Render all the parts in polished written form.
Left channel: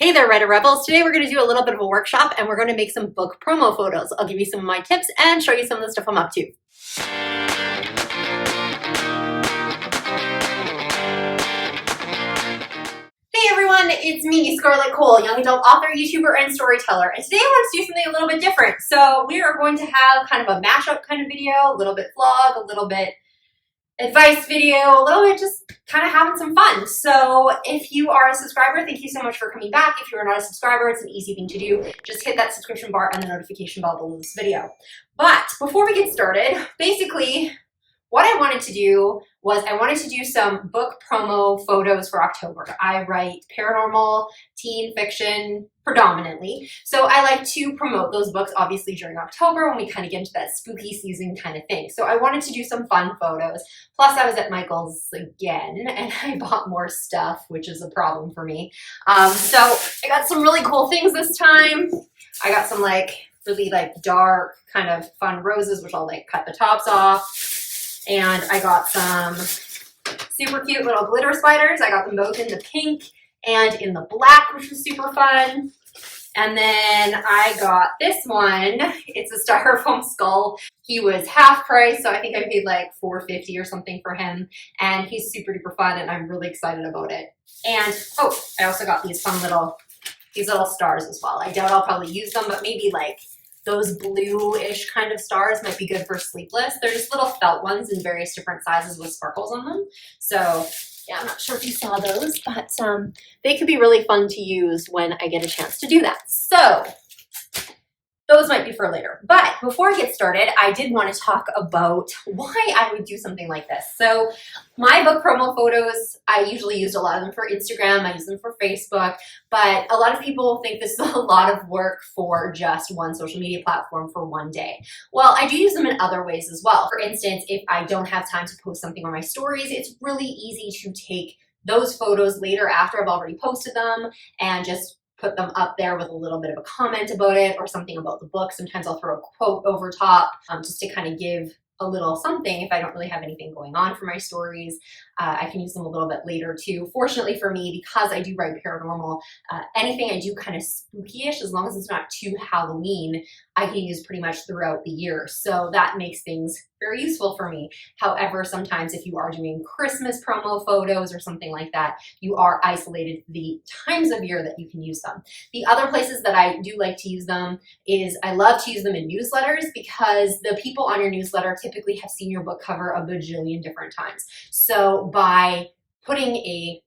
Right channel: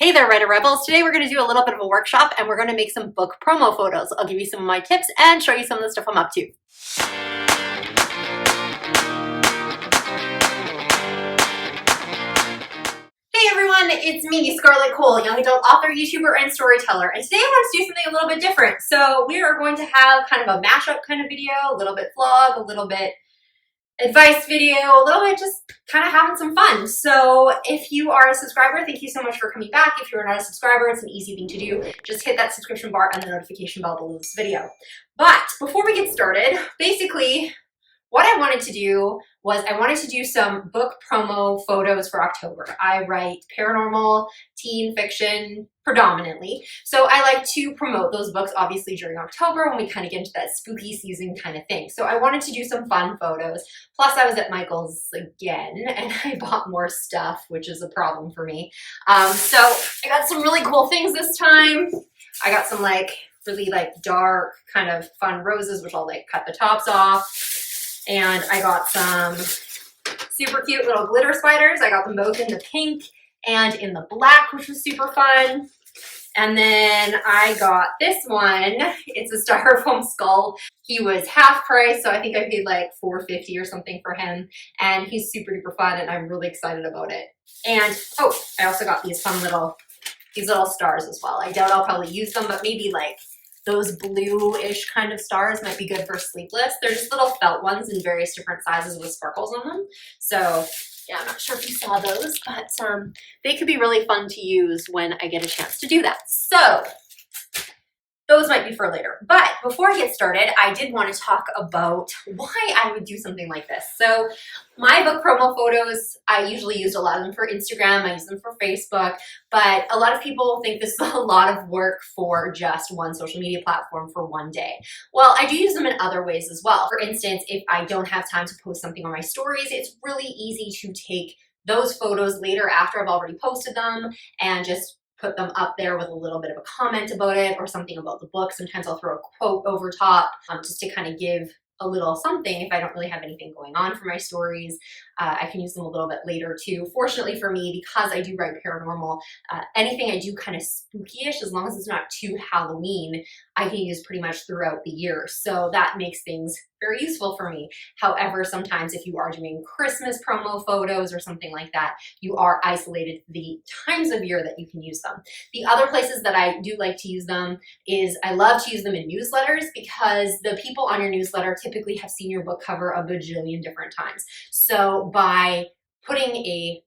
Hey there, Writer Rebels. Today we're going to do a little bit of a workshop and we're going to make some book promo photos. I'll give you some of my tips and show you some of the stuff I'm up to. Hey everyone, it's me, Scarlett Kol, young adult author, YouTuber, and storyteller. And today I want to do something a little bit different. So we are going to have kind of a mashup kind of video, a little bit vlog, a little bit advice video, a little bit just kind of having some fun. So if you are a subscriber, thank you so much for coming back. If you're not a subscriber, it's an easy thing to do. Just hit that subscription bar and the notification bell below this video. But before we get started, basically what I wanted to do was I wanted to do some book promo photos for October. I write paranormal, teen fiction predominantly. So I like to promote those books obviously during October when we kind of get into that spooky season kind of thing. So I wanted to do some fun photos. Plus I was at Michael's again and I bought more stuff, which is a problem for me. So I got some really cool things this time. I got some really dark kind of fun roses, which I'll cut the tops off. And I got some super cute little glitter spiders. I got them both in the pink and in the black, which was super fun. And then I got this one. It's a styrofoam skull. He was half price, so I think I paid like $4.50 or something for him. And he's super duper fun, and I'm really excited about it. And oh, I also got these fun little stars as well. I doubt I'll probably use them, but maybe those blue-ish kind of stars might be good for Sleepless. They're just little felt ones in various different sizes with sparkles on them. So yeah, I'm not sure if you saw those, but they could be really fun to use when I get a chance to do that. So those might be for later. But before I get started, I did want to talk about why I would do something like this. So my book promo photos, I usually use a lot of them for Instagram. I use them for Facebook. But a lot of people think this is a lot of work for just one social media platform for one day. Well, I do use them in other ways as well. For instance, if I don't have time to post something on my stories, it's really easy to take those photos later after I've already posted them and just put them up there with a little bit of a comment about it or something about the book. Sometimes I'll throw a quote over top just to kind of give a little something if I don't really have anything going on for my stories. I can use them a little bit later too. Fortunately for me, because I do write paranormal, anything I do kind of spooky-ish, as long as it's not too Halloween, I can use pretty much throughout the year. So that makes things very useful for me. However, sometimes if you are doing Christmas promo photos or something like that, you are isolated the times of year that you can use them. The other places that I do like to use them is I love to use them in newsletters because the people on your newsletter typically have seen your book cover a bajillion different times. So by putting a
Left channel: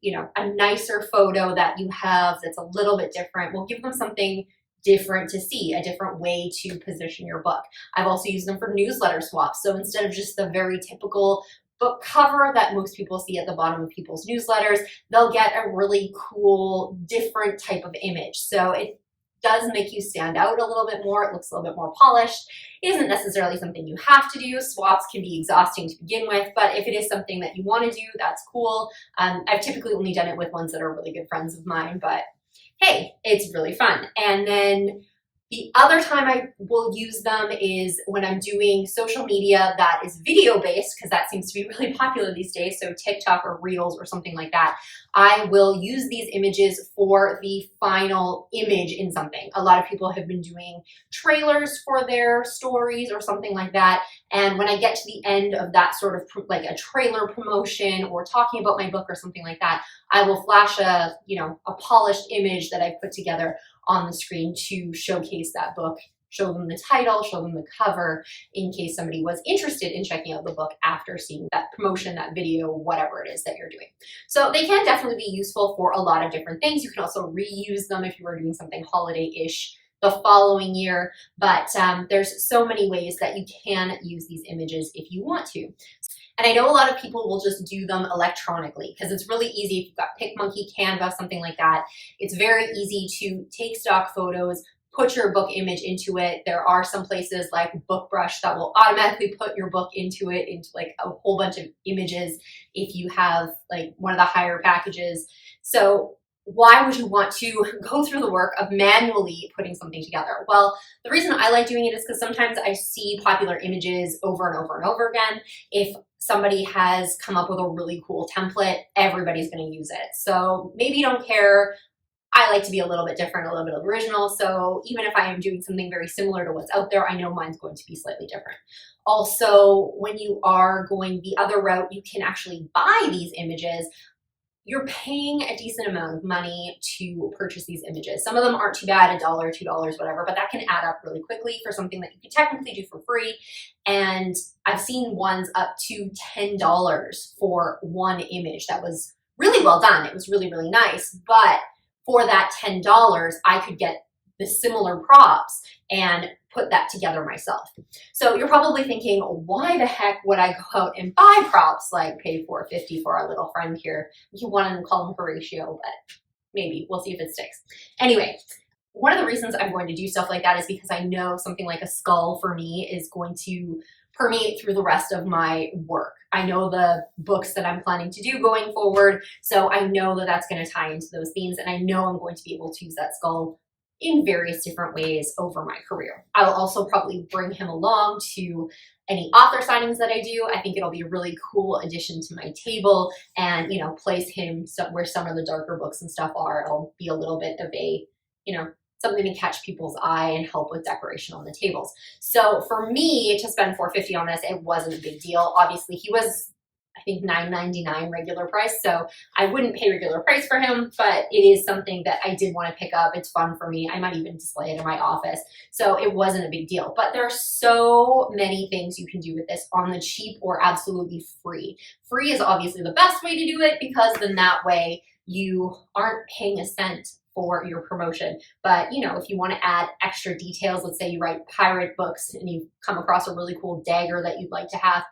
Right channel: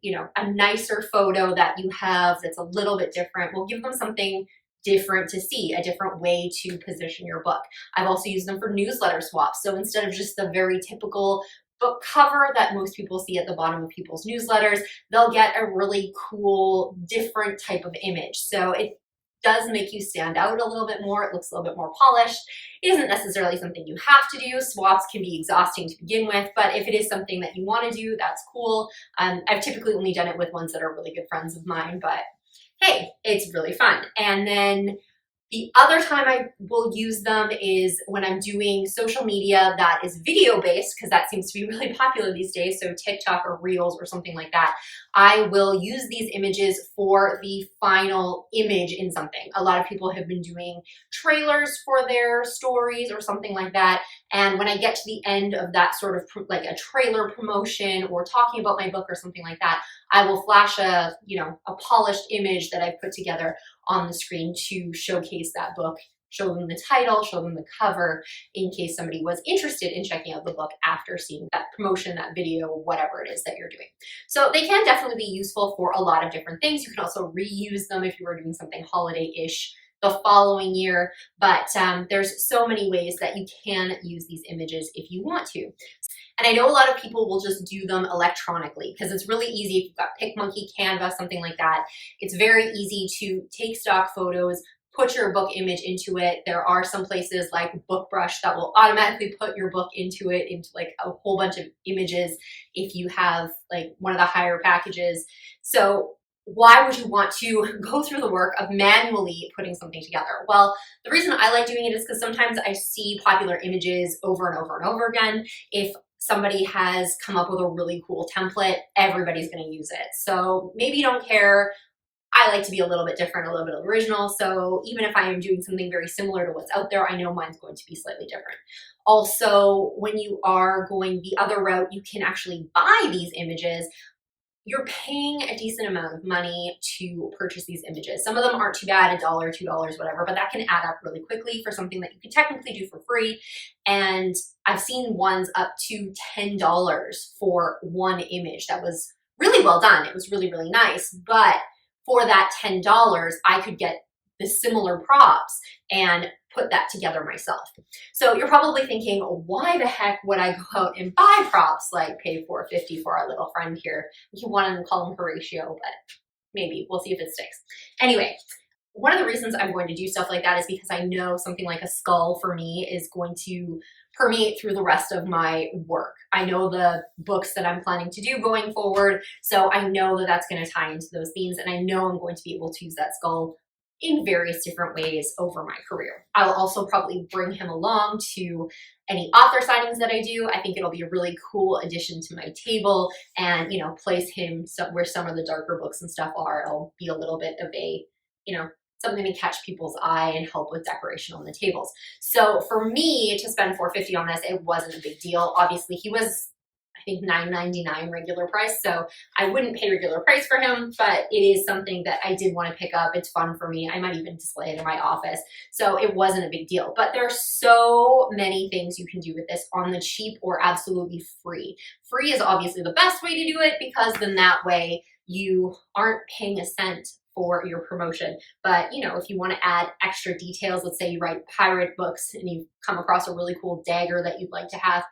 nicer photo that you have that's a little bit different will give them something different to see, a different way to position your book. I've also used them for newsletter swaps. So instead of just the very typical book cover that most people see at the bottom of people's newsletters, they'll get a really cool, different type of image. So it does make you stand out a little bit more. It looks a little bit more polished. It isn't necessarily something you have to do. Swaps can be exhausting to begin with, but if it is something that you want to do, that's cool. I've typically only done it with ones that are really good friends of mine, but hey, it's really fun. And then the other time I will use them is when I'm doing social media that is video-based, because that seems to be really popular these days, so TikTok or Reels or something like that. I will use these images for the final image in something. A lot of people have been doing trailers for their stories or something like that, and when I get to the end of that sort of like a trailer promotion or talking about my book or something like that, I will flash a polished image that I've put together on the screen to showcase that book, show them the title, show them the cover, in case somebody was interested in checking out the book after seeing that promotion, that video, whatever it is that you're doing. So they can definitely be useful for a lot of different things. You can also reuse them if you are doing something holiday-ish the following year, but there's so many ways that you can use these images if you want to. And I know a lot of people will just do them electronically because it's really easy if you've got PicMonkey, Canva, something like that. It's very easy to take stock photos, put your book image into it. There are some places like BookBrush that will automatically put your book into it, into a whole bunch of images if you have one of the higher packages. So why would you want to go through the work of manually putting something together? Well, the reason I like doing it is because sometimes I see popular images over and over and over again. If somebody has come up with a really cool template, everybody's going to use it. So maybe you don't care I like to be a little bit different, a little bit original. So even if I am doing something very similar to what's out there, I know mine's going to be slightly different. Also, when you are going the other route, you can actually buy these images. You're paying a decent amount of money to purchase these images. Some of them aren't too bad, $1, $2, whatever, but that can add up really quickly for something that you can technically do for free. And I've seen ones up to $10 for one image that was really well done. It was really, really nice. But for that $10, I could get the similar props and put that together myself. So you're probably thinking, why the heck would I go out and buy props, like pay $4.50 for our little friend here? You want to call him Horatio, but maybe we'll see if it sticks. Anyway, one of the reasons I'm going to do stuff like that is because I know something like a skull for me is going to permeate through the rest of my work. I know the books that I'm planning to do going forward, so I know that that's going to tie into those themes, and I know I'm going to be able to use that skull in various different ways over my career. I'll also probably bring him along to any author signings that I do. I think it'll be a really cool addition to my table, and, you know, place him where some of the darker books and stuff are. It'll be a little bit of a, you know, something to catch people's eye and help with decoration on the tables. So for me to spend $4.50 on this, it wasn't a big deal. Obviously, he was, I think, $9.99 regular price, so I wouldn't pay regular price for him, but it is something that I did want to pick up. It's fun for me. I might even display it in my office, so it wasn't a big deal. But there are so many things you can do with this on the cheap or absolutely free. Free is obviously the best way to do it, because then that way you aren't paying a cent for your promotion. But, you know, if you want to add extra details, let's say you write pirate books and you come across a really cool dagger that you'd like to have,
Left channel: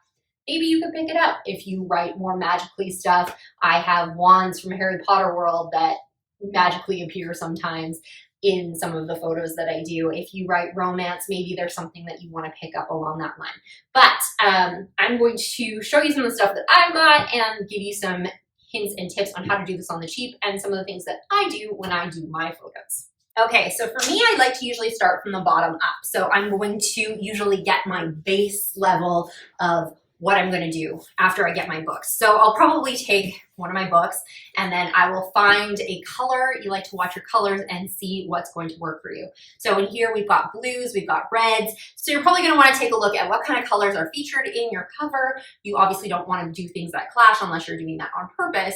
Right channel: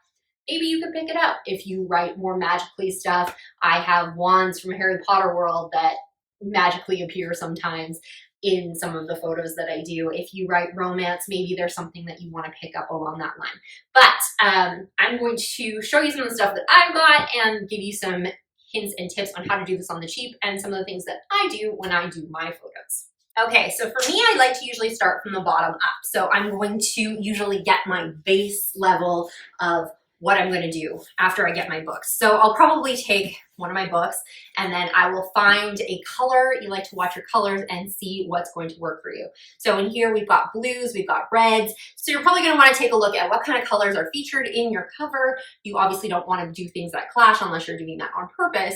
maybe you could pick it up. If you write more magically stuff, I have wands from Harry Potter world that magically appear sometimes in some of the photos that I do. If you write romance, maybe there's something that you want to pick up along that line. But I'm going to show you some of the stuff that I've got and give you some hints and tips on how to do this on the cheap and some of the things that I do when I do my photos. Okay, so for me, I like to usually start from the bottom up. So I'm going to usually get my base level of what I'm going to do after I get my books. So I'll probably take one of my books and then I will find a color. You like to watch your colors and see what's going to work for you. So in here we've got blues, we've got reds. So you're probably going to want to take a look at what kind of colors are featured in your cover. You obviously don't want to do things that clash unless you're doing that on purpose.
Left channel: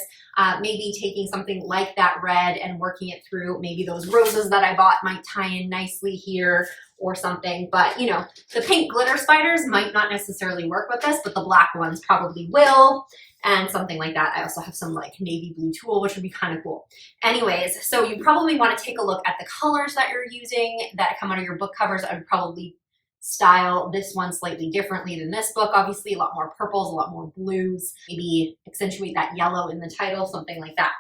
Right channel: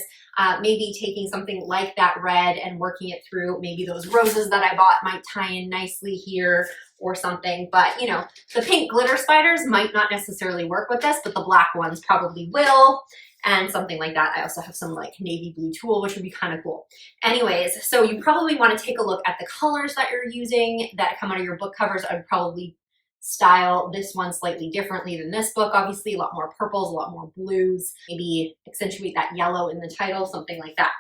Maybe taking something like that red and working it through. Maybe those roses that I bought might tie in nicely here or something. But, you know, the pink glitter spiders might not necessarily work with this, but the black ones probably will, and something like that. I also have some like navy blue tulle, which would be kind of cool. Anyways, so you probably want to take a look at the colors that you're using that come out of your book covers. I would probably style this one slightly differently than this book. Obviously, a lot more purples, a lot more blues, maybe accentuate that yellow in the title, something like that.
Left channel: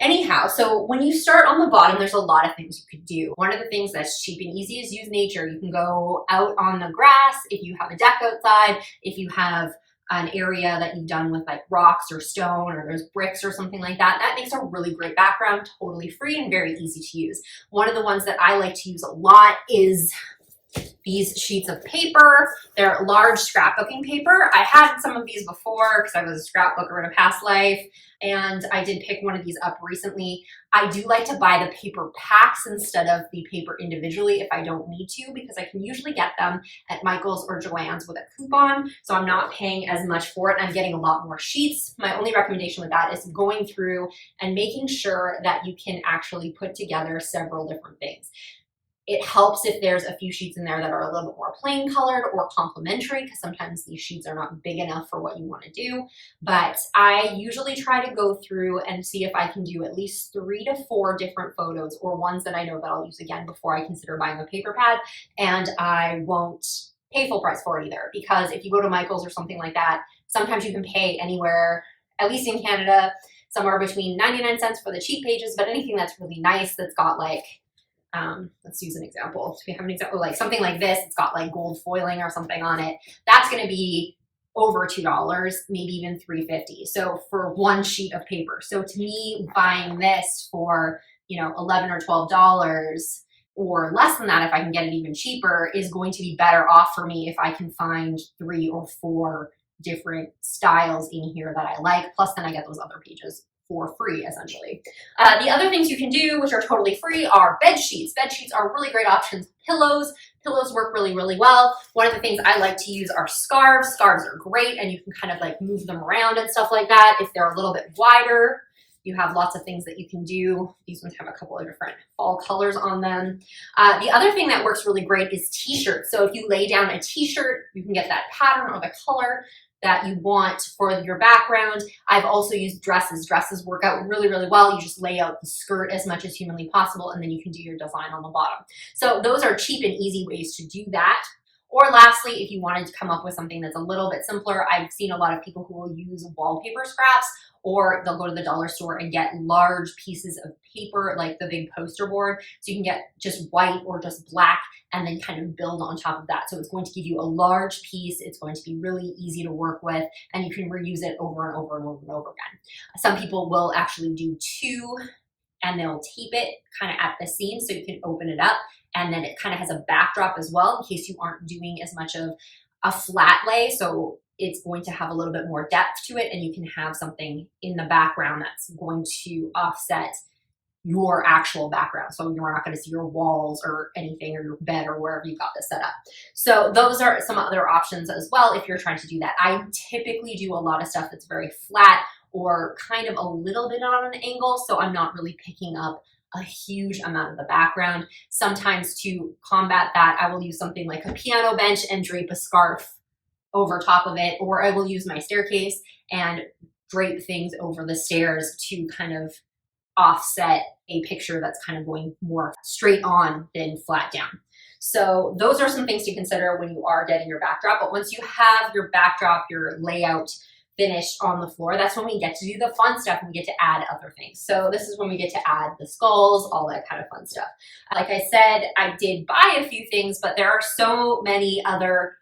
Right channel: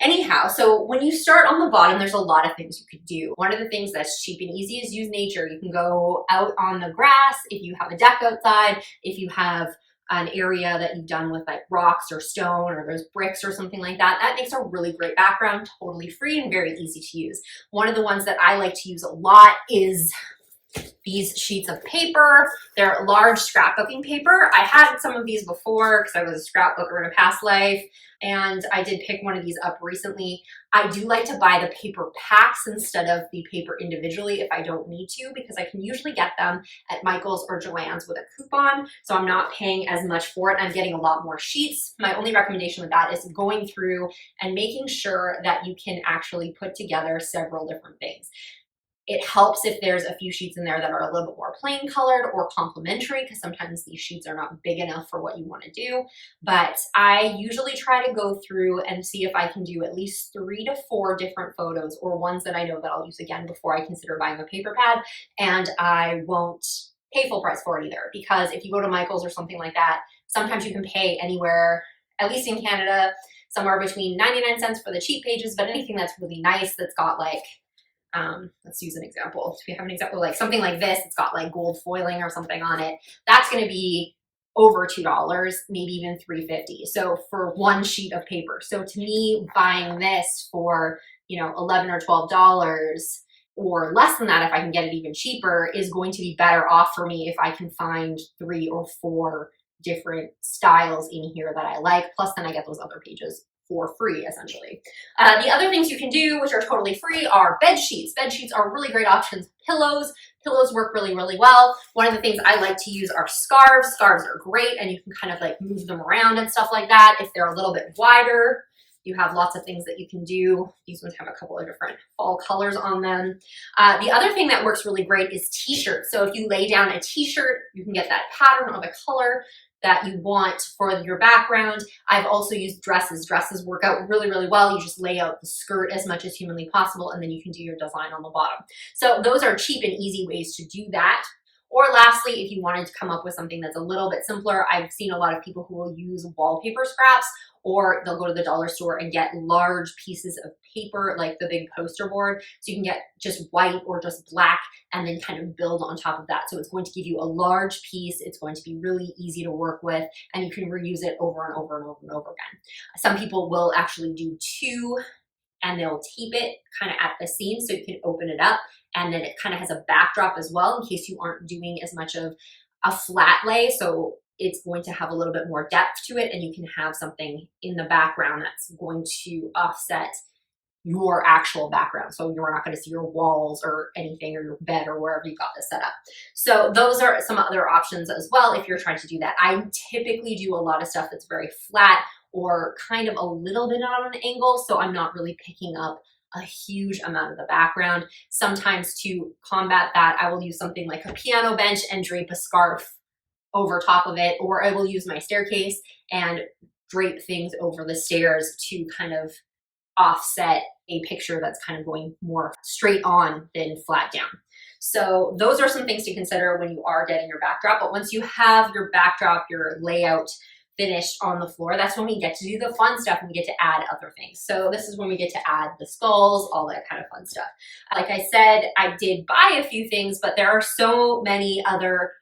Anyhow, so when you start on the bottom, there's a lot of things you could do. One of the things that's cheap and easy is use nature. You can go out on the grass if you have a deck outside, if you have an area that you've done with like rocks or stone or there's bricks or something like that. That makes a really great background, totally free and very easy to use. One of the ones that I like to use a lot is these sheets of paper. They're large scrapbooking paper. I had some of these before because I was a scrapbooker in a past life, and I did pick one of these up recently. I do like to buy the paper packs instead of the paper individually if I don't need to, because I can usually get them at Michael's or Joann's with a coupon, so I'm not paying as much for it. I'm getting a lot more sheets. My only recommendation with that is going through and making sure that you can actually put together several different things. It helps if there's a few sheets in there that are a little bit more plain colored or complementary, because sometimes these sheets are not big enough for what you want to do. But I usually try to go through and see if I can do at least 3 to 4 different photos, or ones that I know that I'll use again before I consider buying a paper pad. And I won't pay full price for it either, because if you go to Michael's or something like that, sometimes you can pay anywhere, at least in Canada, somewhere between 99 cents for the cheap pages, but anything that's really nice that's got like, let's use an example. So we have an example, like something like this, it's got like gold foiling or something on it. That's going to be over $2, maybe even $3.50. So for one sheet of paper. So to me, buying this for, you know, $11 or $12 or less than that, if I can get it even cheaper, is going to be better off for me if I can find 3 or 4 different styles in here that I like. Plus then I get those other pages for free, essentially. The other things you can do, which are totally free, are bed sheets. Bed sheets are really great options. Pillows work really, really well. One of the things I like to use are scarves. Scarves are great, and you can kind of like move them around and stuff like that. If they're a little bit wider, you have lots of things that you can do. These ones have a couple of different fall colors on them. The other thing that works really great is t-shirts. So if you lay down a t-shirt, you can get that pattern or the color that you want for your background. I've also used dresses. Dresses work out really, really well. You just lay out the skirt as much as humanly possible, and then you can do your design on the bottom. So those are cheap and easy ways to do that. Or lastly, if you wanted to come up with something that's a little bit simpler, I've seen a lot of people who will use wallpaper scraps, or they'll go to the dollar store and get large pieces of paper, like the big poster board. So you can get just white or just black and then kind of build on top of that. So it's going to give you a large piece. It's going to be really easy to work with, and you can reuse it over and over and over and over again. Some people will actually do two, and they'll tape it kind of at the seam so you can open it up, and then it kind of has a backdrop as well in case you aren't doing as much of a flat lay. So it's going to have a little bit more depth to it, and you can have something in the background that's going to offset your actual background. So you're not going to see your walls or anything, or your bed or wherever you got this set up. So those are some other options as well if you're trying to do that. I typically do a lot of stuff that's very flat or kind of a little bit on an angle, so I'm not really picking up a huge amount of the background. Sometimes to combat that, I will use something like a piano bench and drape a scarf over top of it, or I will use my staircase and drape things over the stairs to kind of offset a picture that's kind of going more straight on than flat down. So those are some things to consider when you are getting your backdrop. But once you have your backdrop, your layout finished on the floor, that's when we get to do the fun stuff, and we get to add other things. So this is when we get to add the skulls, all that kind of fun stuff. Like I said, I did buy a few things, but there are so many other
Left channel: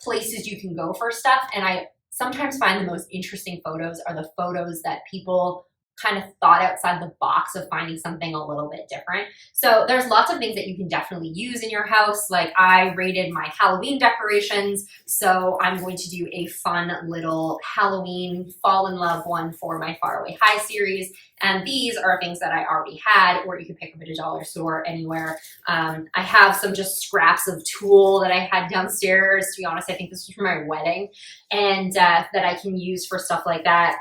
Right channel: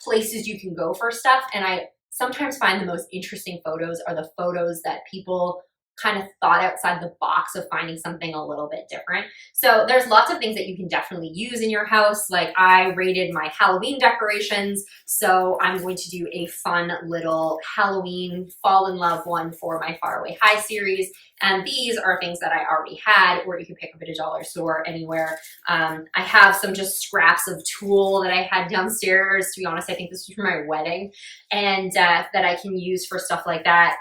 places you can go for stuff. And I sometimes find the most interesting photos are the photos that people kind of thought outside the box of finding something a little bit different. So there's lots of things that you can definitely use in your house. Like I rated my Halloween decorations. So I'm going to do a fun little Halloween fall in love one for my Faraway High series. And these are things that I already had, or you can pick up at a dollar store anywhere. I have some just scraps of tulle that I had downstairs. To be honest, I think this was for my wedding, and that I can use for stuff like that.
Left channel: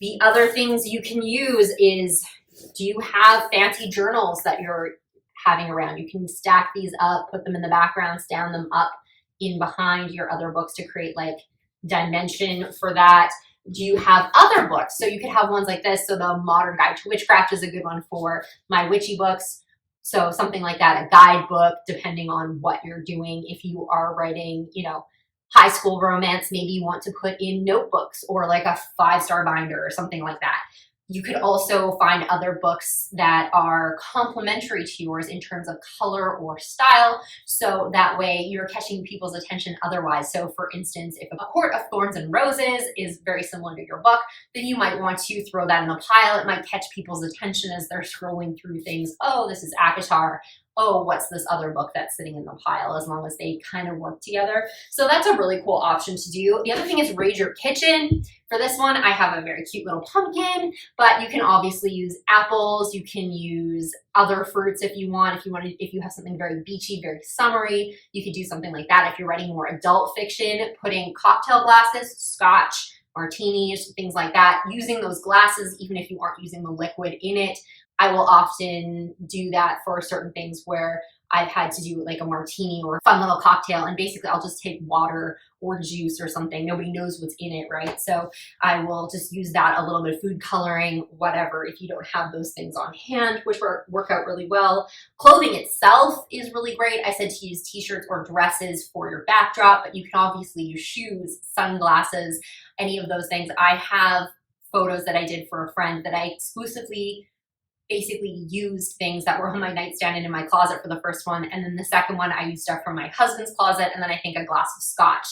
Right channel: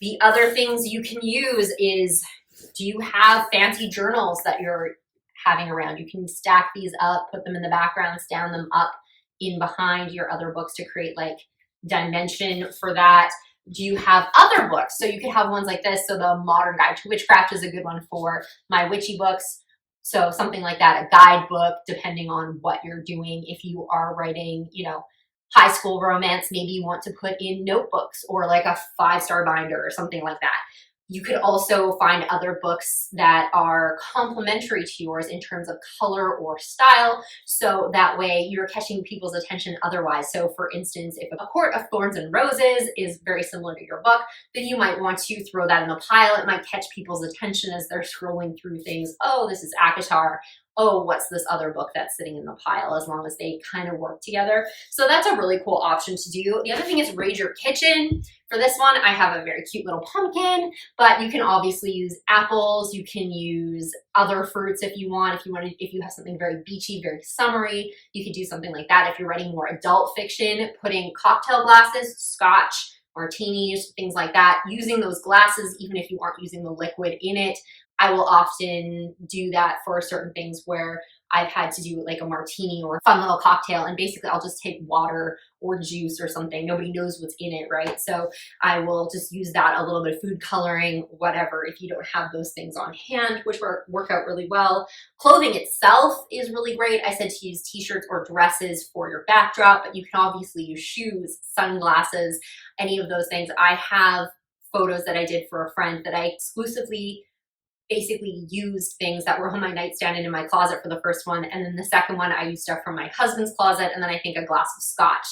The other things you can use is, do you have fancy journals that you're having around? You can stack these up, put them in the background, stand them up in behind your other books to create like dimension for that. Do you have other books? So you could have ones like this. So the Modern Guide to Witchcraft is a good one for my witchy books. So something like that, a guidebook, depending on what you're doing. If you are writing, you know, high school romance, maybe you want to put in notebooks or like a 5-star binder or something like that. You could also find other books that are complementary to yours in terms of color or style, so that way you're catching people's attention otherwise. So for instance, if A Court of Thorns and Roses is very similar to your book, then you might want to throw that in a pile. It might catch people's attention as they're scrolling through things. Oh, this is ACOTAR. Oh, what's this other book that's sitting in the pile, as long as they kind of work together. So that's a really cool option to do. The other thing is raid your kitchen. For this one, I have a very cute little pumpkin, but you can obviously use apples. You can use other fruits if you want. If you have something very beachy, very summery, you could do something like that. If you're writing more adult fiction, putting cocktail glasses, scotch, martinis, things like that, using those glasses, even if you aren't using the liquid in it. I will often do that for certain things where I've had to do like a martini or a fun little cocktail, and basically I'll just take water or juice or something. Nobody knows what's in it, right? So I will just use that, a little bit of food coloring, whatever, if you don't have those things on hand, which work out really well. Clothing itself is really great. I said to use t-shirts or dresses for your backdrop, but you can obviously use shoes, sunglasses, any of those things. I have photos that I did for a friend that I exclusively basically used things that were on my nightstand and in my closet for the first one. And then the second one, I used stuff from my husband's closet, and then I think a glass of scotch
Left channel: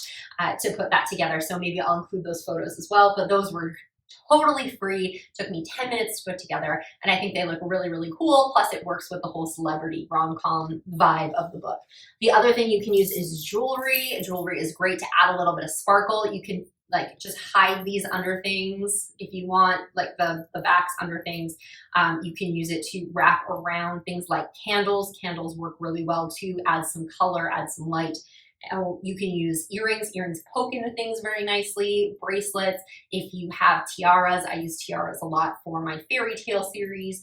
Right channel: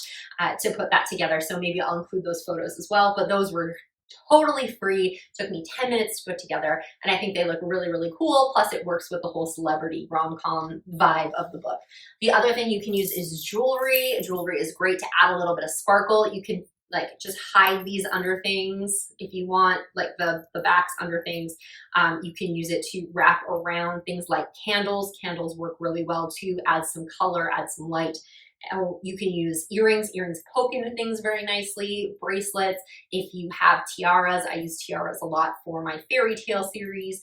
to put that together. So maybe I'll include those photos as well. But those were totally free. Took me 10 minutes to put together. And I think they look really, really cool. Plus it works with the whole celebrity rom-com vibe of the book. The other thing you can use is jewelry. Jewelry is great to add a little bit of sparkle. You can like just hide these under things if you want, like the backs under things. You can use it to wrap around things like candles. Candles work really well too, add some color, add some light. You can use earrings. Earrings poke into things very nicely. Bracelets. If you have tiaras, I use tiaras a lot for my fairy tale series.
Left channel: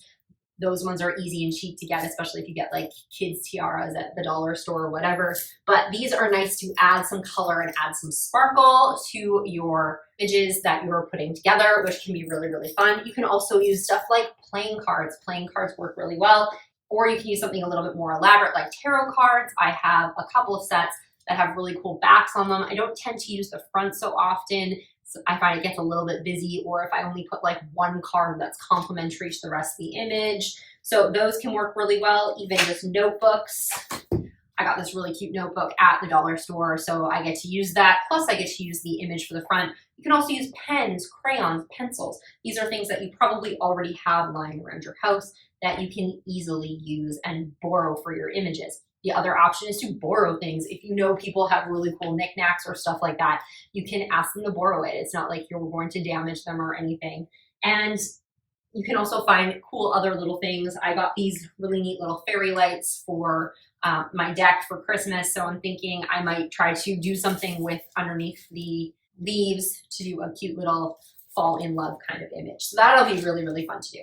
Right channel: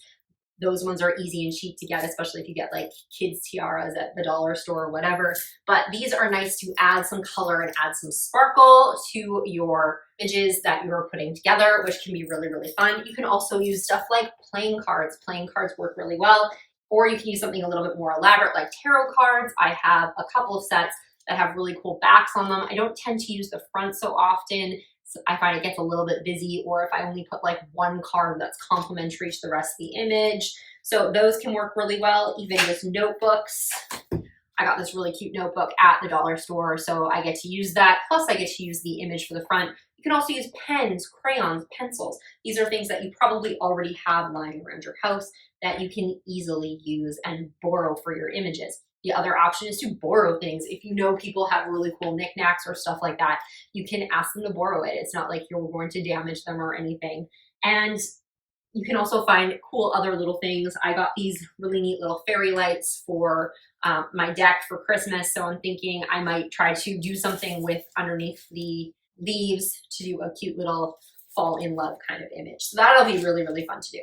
Those ones are easy and cheap to get, especially if you get like kids tiaras at the dollar store or whatever. But these are nice to add some color and add some sparkle to your images that you're putting together, which can be really, really fun. You can also use stuff like playing cards. Playing cards work really well. Or you can use something a little bit more elaborate like tarot cards. I have a couple of sets that have really cool backs on them. I don't tend to use the front so often. So I find it gets a little bit busy, or if I only put like one card that's complementary to the rest of the image. So those can work really well. Even just notebooks. I got this really cute notebook at the dollar store, so I get to use that. Plus I get to use the image for the front. You can also use pens, crayons, pencils. These are things that you probably already have lying around your house that you can easily use and borrow for your images. The other option is to borrow things. If you know people have really cool knickknacks or stuff like that, you can ask them to borrow it. It's not like you're going to damage them or anything. And you can also find cool other little things. I got these really neat little fairy lights for my deck for Christmas. So I'm thinking I might try to do something with underneath the leaves to do a cute little fall in love kind of image. So that'll be really, really fun to do.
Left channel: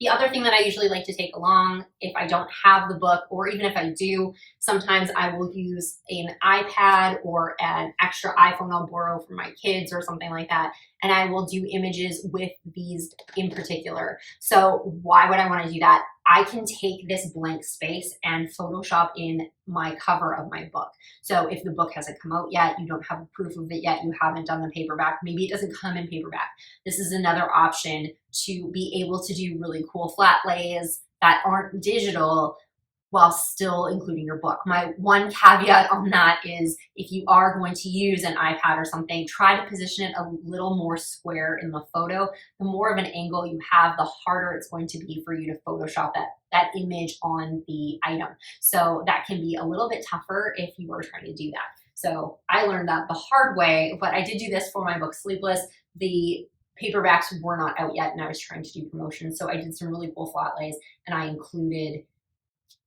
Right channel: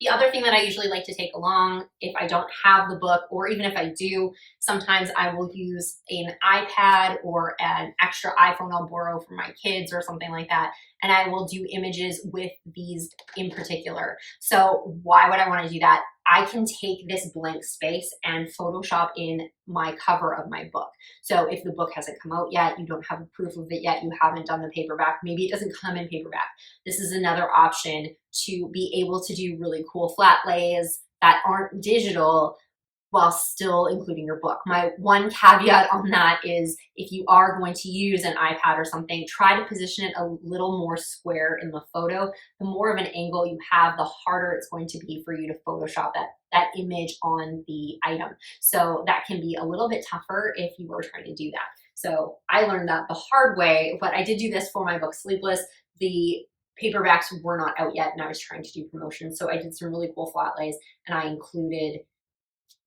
The other thing that I usually like to take along if I don't have the book, or even if I do, sometimes I will use an iPad or an extra iPhone I'll borrow from my kids or something like that, and I will do images with these in particular. So why would I want to do that? I can take this blank space and Photoshop in my cover of my book. So if the book hasn't come out yet, you don't have a proof of it yet, you haven't done the paperback, maybe it doesn't come in paperback. This is another option to be able to do really cool flat lays that aren't digital while still including your book. My one caveat on that is if you are going to use an iPad or something, try to position it a little more square in the photo. The more of an angle you have, the harder it's going to be for you to Photoshop that image on the item. So that can be a little bit tougher if you are trying to do that. So I learned that the hard way, but I did do this for my book Sleepless. The paperbacks were not out yet and I was trying to do promotion. So I did some really cool flat lays and I included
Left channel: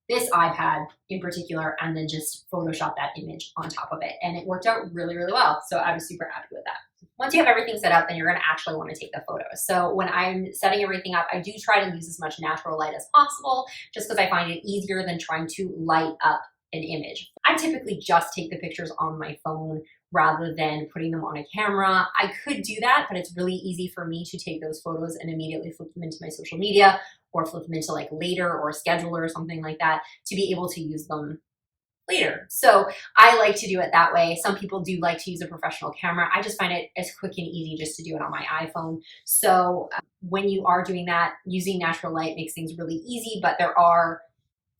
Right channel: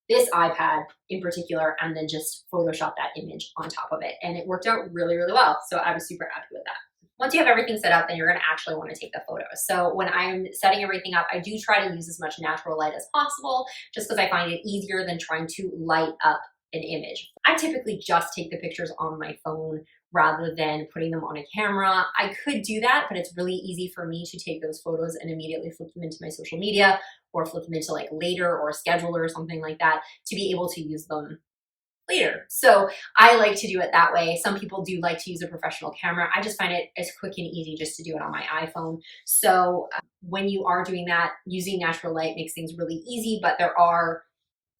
this iPad in particular, and then just Photoshop that image on top of it. And it worked out really, really well. So I was super happy with that. Once you have everything set up, then you're gonna actually wanna take the photos. So when I'm setting everything up, I do try to use as much natural light as possible, just because I find it easier than trying to light up an image. I typically just take the pictures on my phone rather than putting them on a camera. I could do that, but it's really easy for me to take those photos and immediately flip them into my social media or flip them into like later or a scheduler or something like that to be able to use them later. So I like to do it that way. Some people do like to use a professional camera. I just find it as quick and easy just to do it on my iPhone. So when you are doing that, using natural light makes things really easy, but there are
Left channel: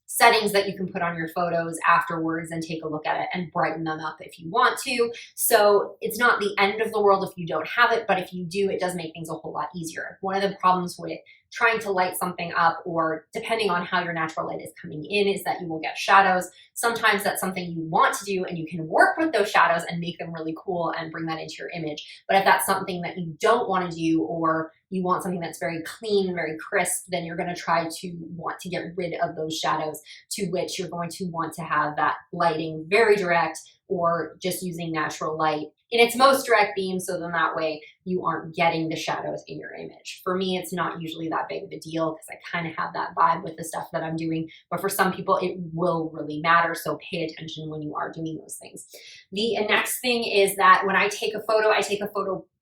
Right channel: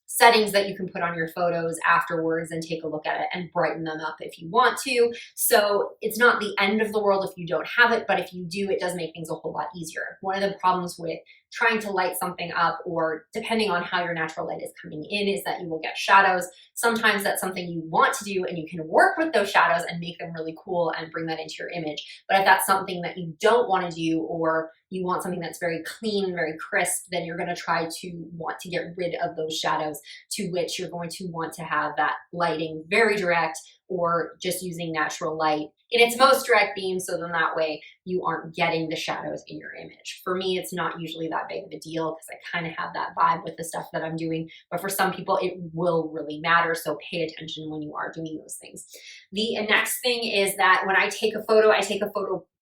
settings that you can put on your photos afterwards and take a look at it and brighten them up if you want to. So it's not the end of the world if you don't have it, but if you do, it does make things a whole lot easier. One of the problems with trying to light something up, or depending on how your natural light is coming in, is that you will get shadows. Sometimes that's something you want to do and you can work with those shadows and make them really cool and bring that into your image. But if that's something that you don't want to do, or you want something that's very clean, very crisp, then you're going to try to want to get rid of those shadows, to which you're going to want to have that lighting very direct, or just using natural light in its most direct beam, so then that way you aren't getting the shadows in your image. For me, it's not usually that big of a deal because I kind of have that vibe with the stuff that I'm doing, but for some people it will really matter, so pay attention when you are doing those things. The next thing is that when I take a photo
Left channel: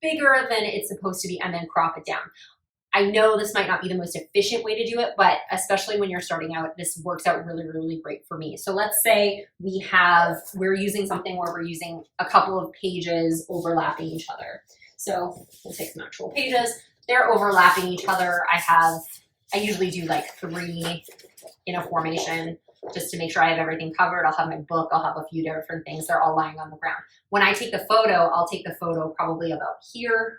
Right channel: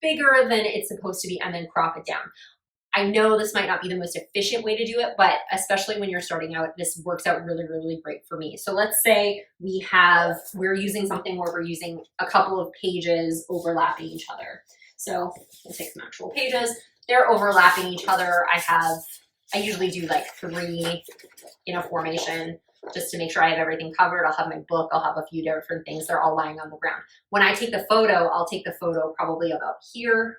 bigger than it's supposed to be and then crop it down. I know this might not be the most efficient way to do it, but especially when you're starting out, this works out really, really great for me. So let's say we're using something where we're using a couple of pages overlapping each other. So we'll take some actual pages. They're overlapping each other. I usually do like 3 in a formation just to make sure I have everything covered. I'll have my book, I'll have a few different things. They're all lying on the ground. When I take the photo, I'll take the photo probably about here.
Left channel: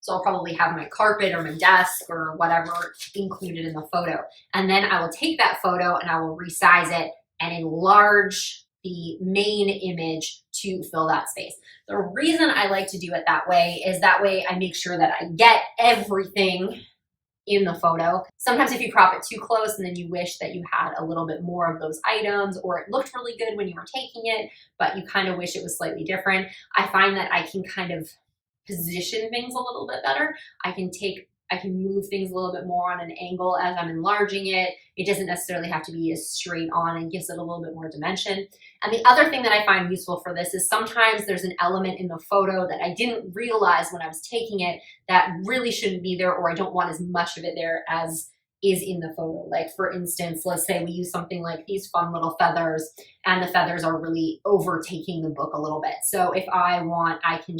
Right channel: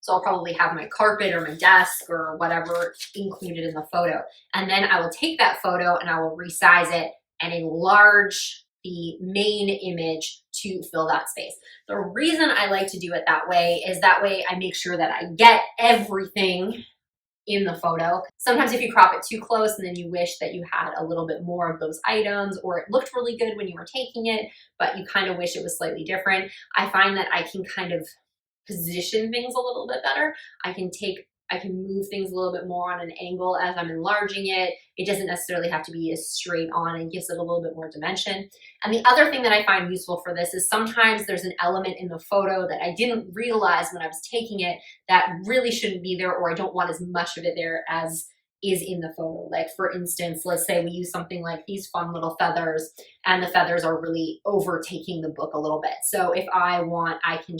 So I'll probably have my carpet or my desk or whatever included in the photo. And then I will take that photo and I will resize it and enlarge the main image to fill that space. The reason I like to do it that way is that way I make sure that I get everything in the photo. Sometimes if you crop it too close and then you wish that you had a little bit more of those items, or it looked really good when you were taking it, but you kind of wish it was slightly different, I find that I can kind of position things a little bit better. I can move things a little bit more on an angle as I'm enlarging it. It doesn't necessarily have to be as straight on, and gives it a little bit more dimension. And the other thing that I find useful for this is sometimes there's an element in the photo that I didn't realize when I was taking it that really shouldn't be there, or I don't want as much of it there as is in the photo. Like for instance, let's say we use something like these fun little feathers, and the feathers are really overtaking the book a little bit. So if I want, I can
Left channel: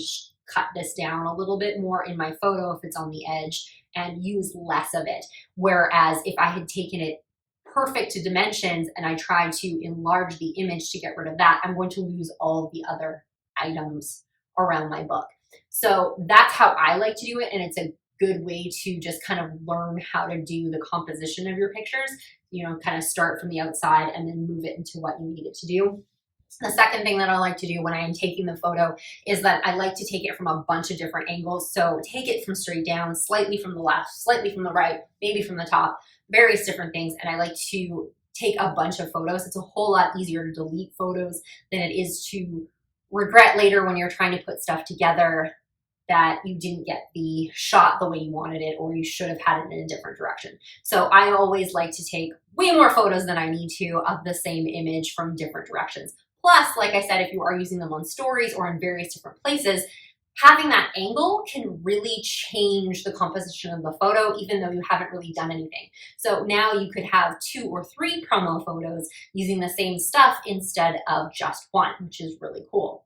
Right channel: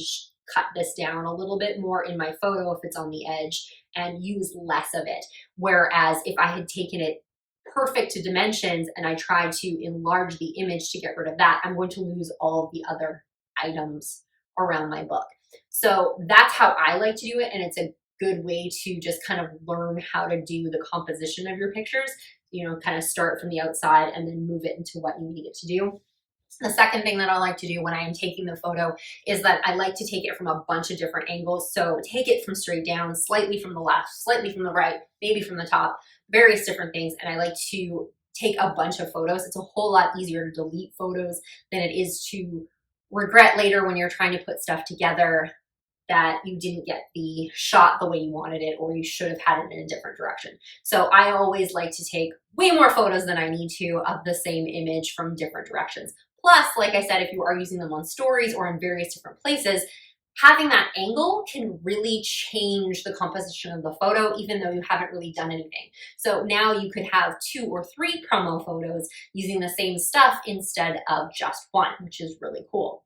cut this down a little bit more in my photo if it's on the edge and use less of it. Whereas if I had taken it perfect to dimensions and I tried to enlarge the image to get rid of that, I'm going to lose all the other items around my book. So that's how I like to do it, and it's a good way to just kind of learn how to do the composition of your pictures. You know, kind of start from the outside and then move it into what you need it to do. The second thing that I like to do when I am taking the photo is that I like to take it from a bunch of different angles. So take it from straight down, slightly from the left, slightly from the right, maybe from the top, various different things. And I like to take a bunch of photos. It's a whole lot easier to delete photos than it is to regret later when you're trying to put stuff together that you didn't get the shot the way you wanted it, or you should have had it in a different direction. So I always like to take way more photos than I need to of the same image from different directions. Plus, like I said, if you are using them on stories or in various different places, having that angle can really change the composition of the photo, even though you haven't really done anything. So now you could have 2 or 3 promo photos using the same stuff instead of just one, which is really cool.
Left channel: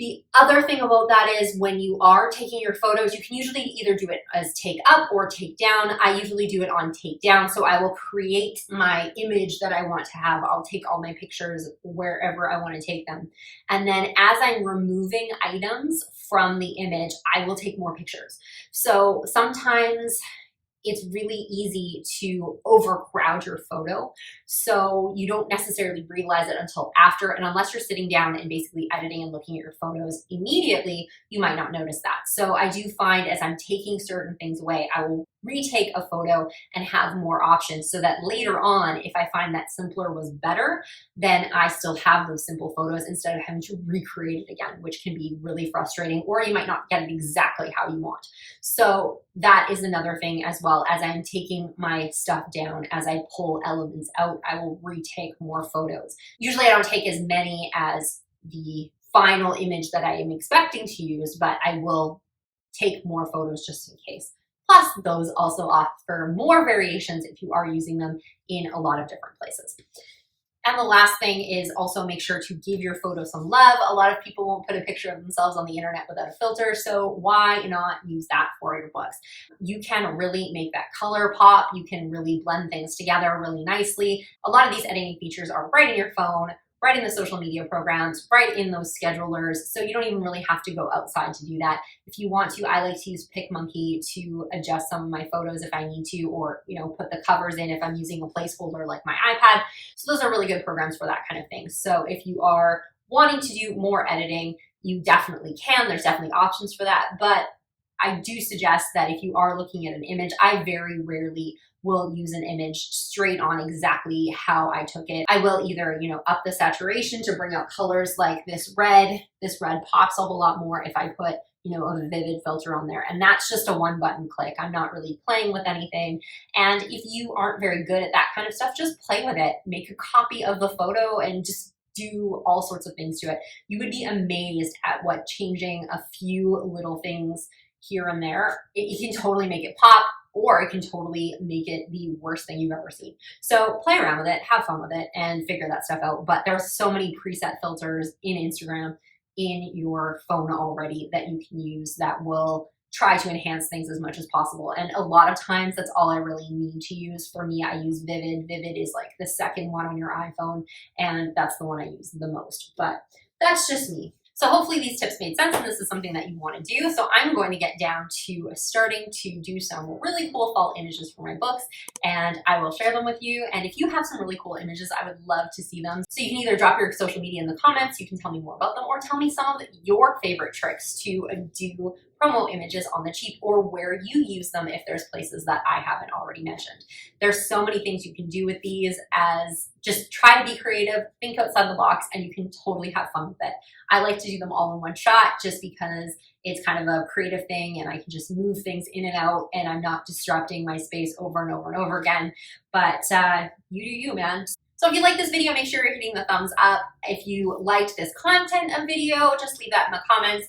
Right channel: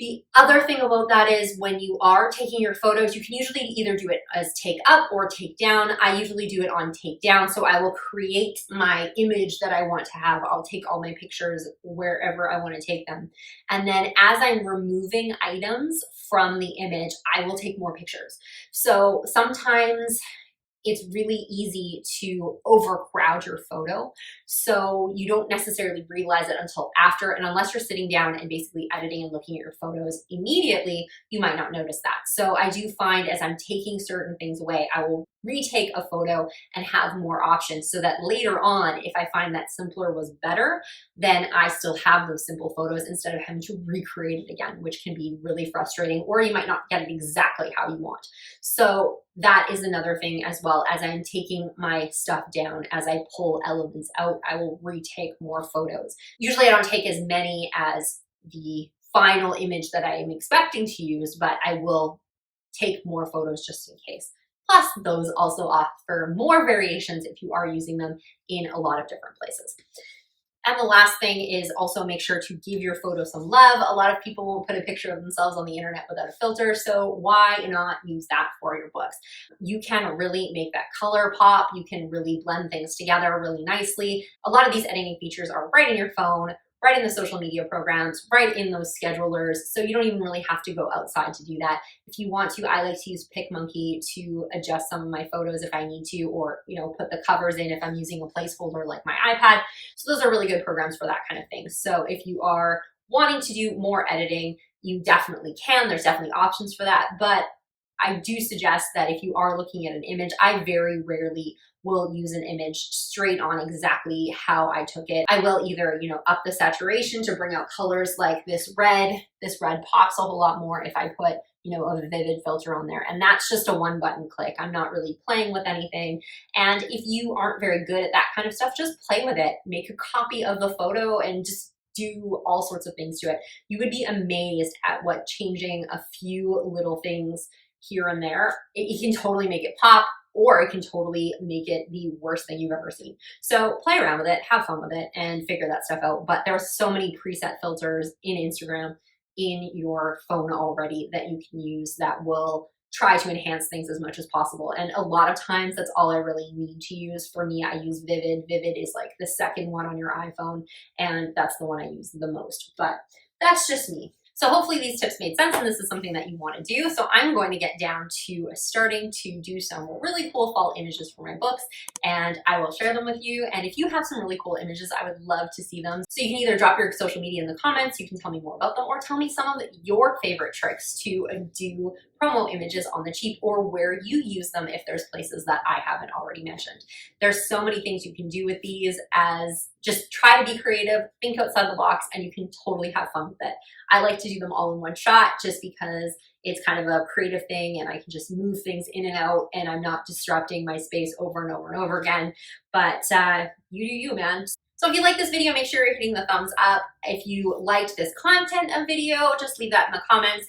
The other thing about that is when you are taking your photos, you can usually either do it as take up or take down. I usually do it on take down. So I will create my image that I want to have. I'll take all my pictures wherever I want to take them. And then as I'm removing items from the image, I will take more pictures. So sometimes it's really easy to overcrowd your photo. So you don't necessarily realize it until after. And unless you're sitting down and basically editing and looking at your photos immediately, you might not notice that. So I do find as I'm taking certain things away, I will retake a photo and have more options so that later on, if I find that simpler was better, then I still have those simple photos instead of having to recreate it again, which can be really frustrating, or you might not get it exactly how you want. So that is another thing as well. As I'm taking my stuff down, as I pull elements out, I will retake more photos. Usually I don't take as many as the final image that I am expecting to use, but I will take more photos just in case. Plus, those also offer more variations if you are using them in a lot of different places. And the last thing is also make sure to give your photo some love. A lot of people won't put a picture of themselves on the internet without a filter, so why not use that for your books? You can really make that color pop. You can really blend things together really nicely. A lot of these editing features are right in your phone, right in the social media programs, right in those schedulers. So you don't even really have to go outside to do that. If you want to, I like to use PicMonkey to adjust some of my photos if I need to, or put the covers in if I'm using a placeholder like my iPad. So those are really good programs for that kind of thing. So if you are wanting to do more editing, you definitely can. There's definitely options for that. But I do suggest that if you are looking at an image, I very rarely will use an image straight on exactly how I took it. I will either, up the saturation to bring out colors like this red. This red pops a whole lot more if I put, a vivid filter on there. And that's just a one button click. I'm not really playing with anything. And if you aren't very good at that kind of stuff, just play with it. Make a copy of the photo and just do all sorts of things to it. You would be amazed at what changing a few little things here and there, it can totally make it pop, or it can totally make it the worst thing you've ever seen. So play around with it, have fun with it, and figure that stuff out. But there are so many preset filters in Instagram in your phone already that you can use that will try to enhance things as much as possible. And a lot of times that's all I really need to use. For me, I use Vivid. Vivid is like the second one on your iPhone, and that's the one I use the most. But that's just me. So hopefully these tips made sense and this is something that you want to do. So I'm going to get down to starting to do some really cool fall images for my books, and I will share them with you. And if you have some really cool images, I would love to see them. So you can either drop your social media in the comments, you can tell me more about them, or tell me some of your favorite tricks to do promo images on the cheap, or where you use them if there's places that I haven't already mentioned. There's so many things you can do with these, as just try to be creative, think outside the box, and you can totally have fun with it. I like to do them all in one shot just because it's kind of a creative thing and I can just move things in and out and I'm not disrupting my space over and over and over again. But you do you, man. So if you like this video, make sure you're hitting the thumbs up. If you liked this content of video, just leave that in the comments.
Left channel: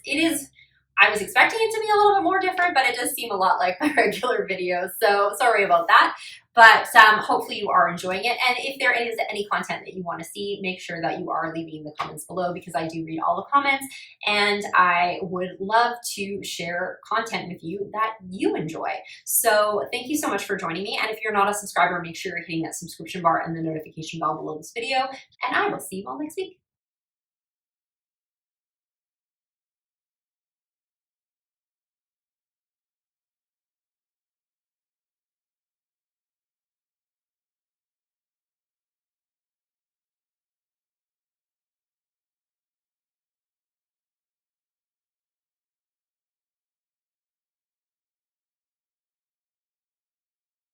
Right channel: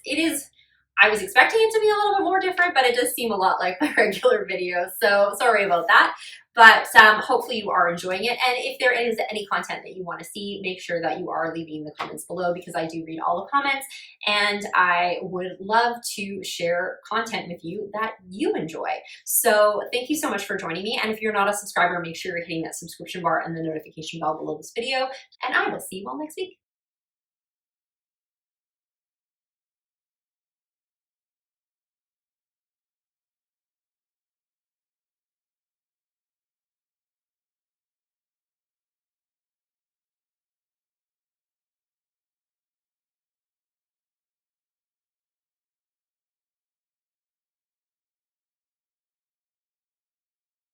I was expecting it to be a little bit more different, but it does seem a lot like my regular videos. So sorry about that. But hopefully you are enjoying it. And if there is any content that you want to see, make sure that you are leaving the comments below, because I do read all the comments and I would love to share content with you that you enjoy. So thank you so much for joining me. And if you're not a subscriber, make sure you're hitting that subscription bar and the notification bell below this video. And I will see you all next week.